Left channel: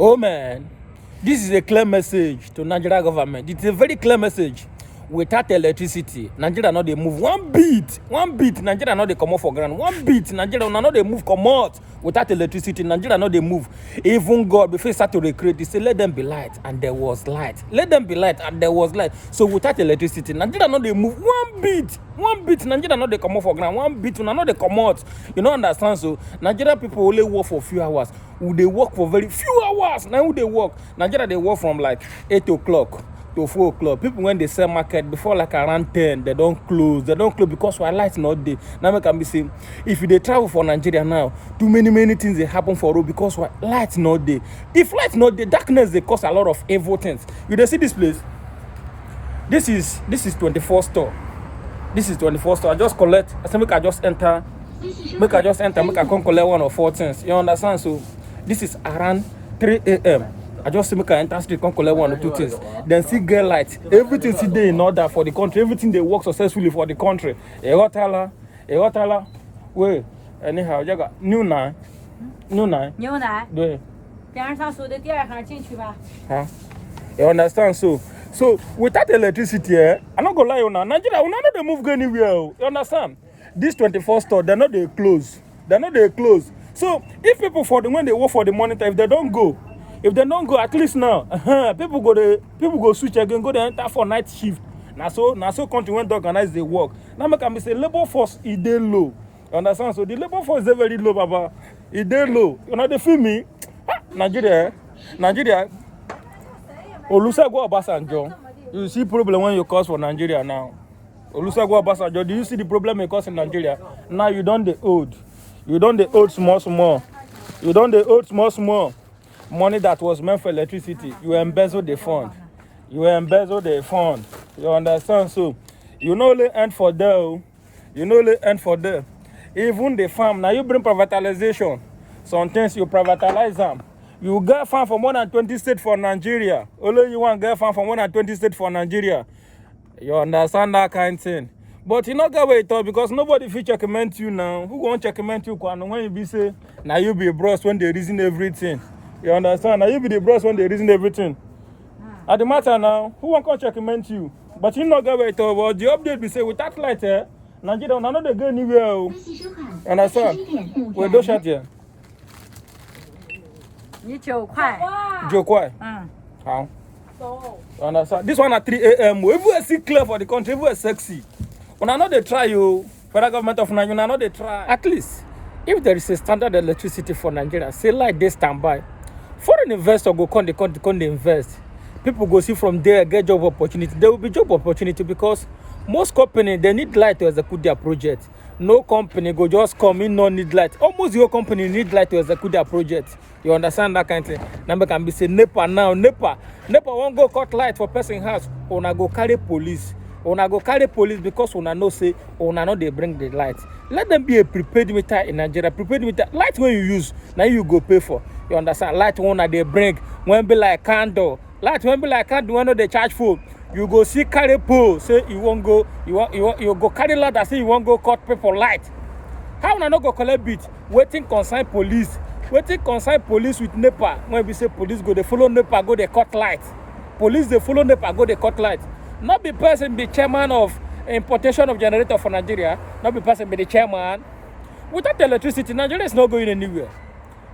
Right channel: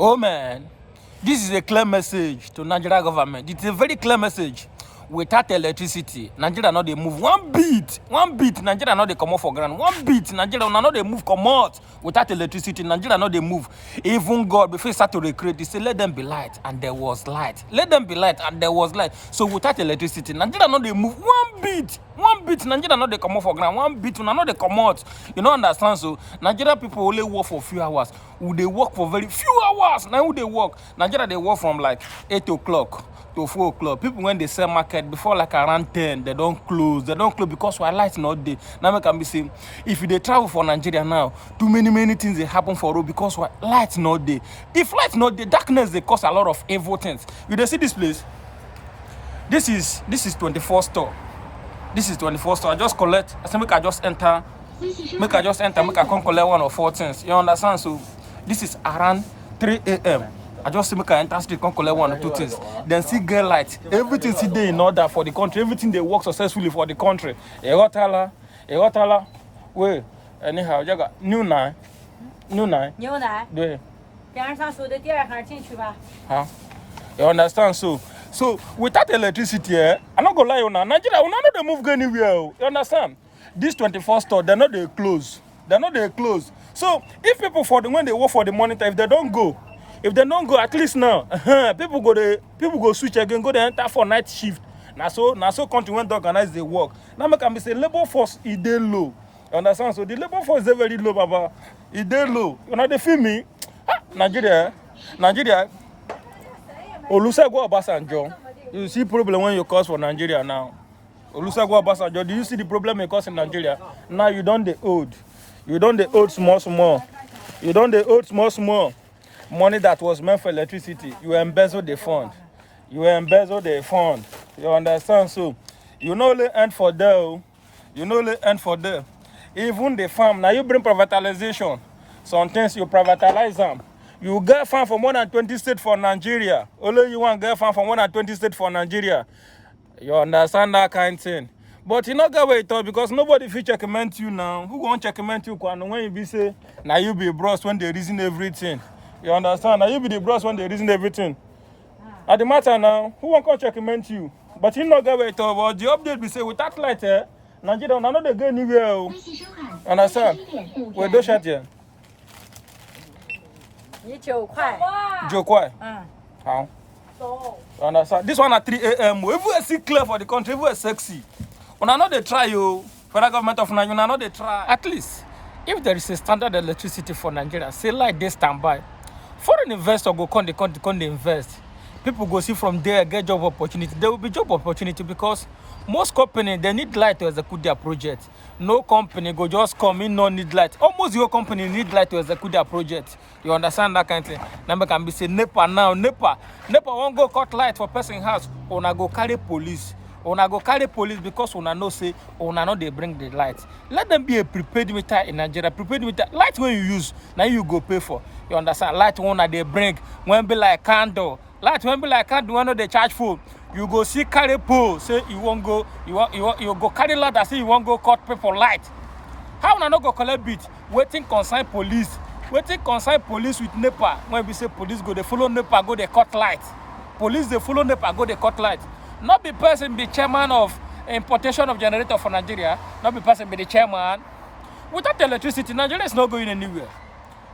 Oh man, this is a clear message to Nigeria government. It's a very clear message. Without electricity, Nigeria not they move one beat. Nigeria not they come off for ground. One beat, Nigeria not they move come out. Without electricity, Nigeria not they move. Even God before he start to recreate, he said, "Let them be light," and there was light. Let them be light, and there was light. So without electricity, Nigeria not they move one beat. Nigeria not they come off for ground. One beat, not they come out. You don't understand? So Nigeria people only work for a few hours. They work for very few hours. Now who they work? Nigeria they work from like 8 o'clock to 4 o'clock. People when they sell market before like around 10, they don't close. They don't close because why light not there. Now we can be saying if they travel for Nigeria now, too many things they happen for road because why light not there. If light not there, darkness they cause a lot of evil things. You they see this place? This is 24 store. This is 24 store. I just collect. I say make I just enter. Make I come collect 1 or 4 things. You understand? So this is around 3 a.m. I just say make I enter street, come collect 1 or 2 things. Then see get light. Everything see there in order for the country. Everything they work successfully for the country. Egotala. Wait. Anyhow, you got new nine. Yeah. Huh? You understand? So without electricity, I'm not gonna lie on Nigeria, we not they move anywhere. You understand? This 24 store, they're not they close. So if people when they work for the monitor, if they don't go, at least now, people go switch again, go they enter for night shift. Now so country when they organize the work. Now make me say labor force is dey low. You understand? So the labor force is very low, Baba. It's dey low. You know they feel me? Nigeria. Olusegun Obasanjo. You see problem when you cause for Nigeria now. Olusegun Obasanjo, do you see the problem you cause in Nigeria? Now you don't the old. You don't the old small. You don't the old small. Money that was meant for electricity. You embezzle the fund. You understand? So you know the end for there. Even the farm. Now you bring privatization. Some things you privatize them. You get farm for more than 20 states for Nigeria. Only you want get farm for more than 20 states for Nigeria. You understand that kind of thing. But you not get where it all because nobody fit checkmate you now. Who won't checkmate you when you be say now you be a bros when they reason everything. You understand? Now you be the bros when they reason everything. At the matter now, who won't come checkmate you? But you not get where it all. But the update be say without light, Nigeria now they go anywhere. Understand? We don't shut here. 9块。9块。How? You understand? This one at 3 a.m. Everywhere see clear for the country, everywhere sexy. When I know they try you, federal government of Nigeria, I know they try. At least, if there is a standard electricity for Nigeria, say like they stand by. Foreign investor go come, they invest. People go see from there, get job opportunity. There will be job opportunity because most companies, they need light to execute their project. No company go just come in, no need light. Almost your company need light to execute their project. You understand that kind of thing? Number can be say NEPA now. NEPA won't go cut light for person house. Una go carry police because una know say una know they bring the light. Let them be a prepaid meter in Nigeria. Prepaid meter light when you use, now you go pay for. You understand? Light one they bring when be like candle. Light when be like candle when they charge for. You go see carry pole. Say you won't go. You go carry light. I say you won't go cut people light. How una no go collect bit? Waiting consign police. Waiting consign police with NEPA. When we say police go, they follow NEPA, go they cut light. Police they follow NEPA, go they cut light. Not be person be chairman of importation of generator for Nigeria. Not be person be the chairman. Without electricity, Nigeria is not going anywhere.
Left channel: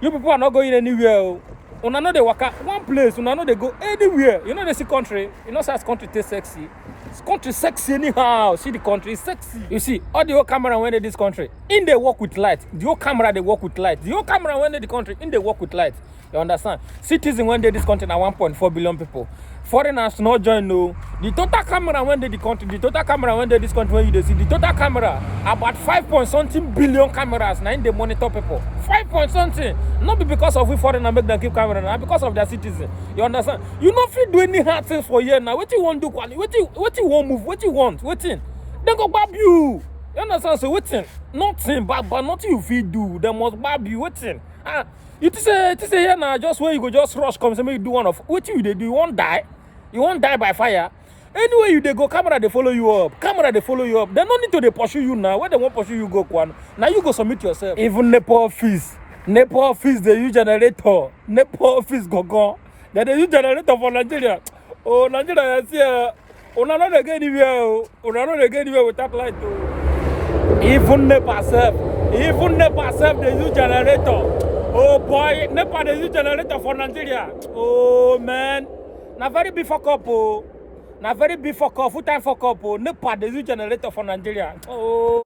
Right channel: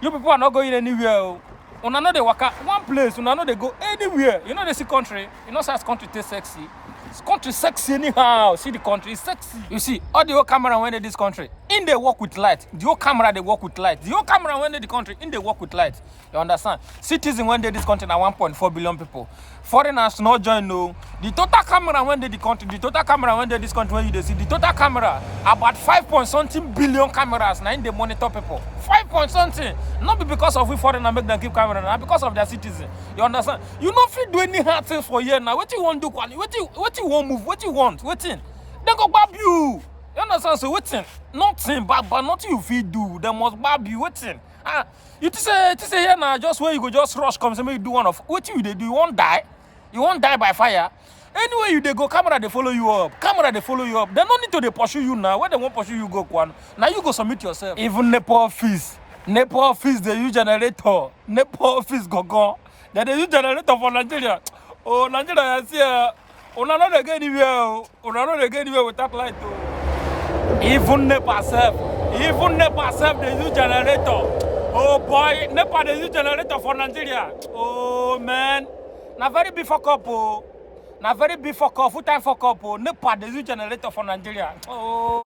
You people are not going anywhere. Una know they work at one place. Una know they go anywhere. You know they see country. You know such country taste sexy. This country sexy anyhow. See the country is sexy. You see, all the whole camera when they this country, in they work with light. The whole camera they work with light. The whole camera when they the country, in they work with light. You understand? Citizens when they this country are 1.4 billion people. Foreigners not join no. The total camera when they the country, the total camera when they this country when you see the total camera about 5.something billion cameras now in they monitor people. 5.something. Not be because of we foreigner make them keep camera, not because of their citizens. You understand? You not fit do any hard things for year now. What you want to do? What you want move? What you want? Waiting. They go bab you. You understand? So waiting. Nothing but nothing you fit do. They must bab you. Waiting. You say here now just where you go just rush come say make you do one of what you they do. You won't die. You won't die by fire. Anyway, you they go camera, they follow you up. They don't need to they pursue you now. Where they won't pursue you go, Kwan. Now you go submit yourself. Even NEPA office. NEPA office they use generator. NEPA office go. They use generator for Nigeria. Oh, Nigeria is here. Una not again anywhere. Una not again anywhere without light. Even NEPA self. Even NEPA self they use generator. Oh boy, NEPA they use generator for Nigeria. Oh man. Na very big fuck up. Oh. Na very big fuck up. Full time fuck up. Oh. NEPA they use generator for Nigeria. Oh.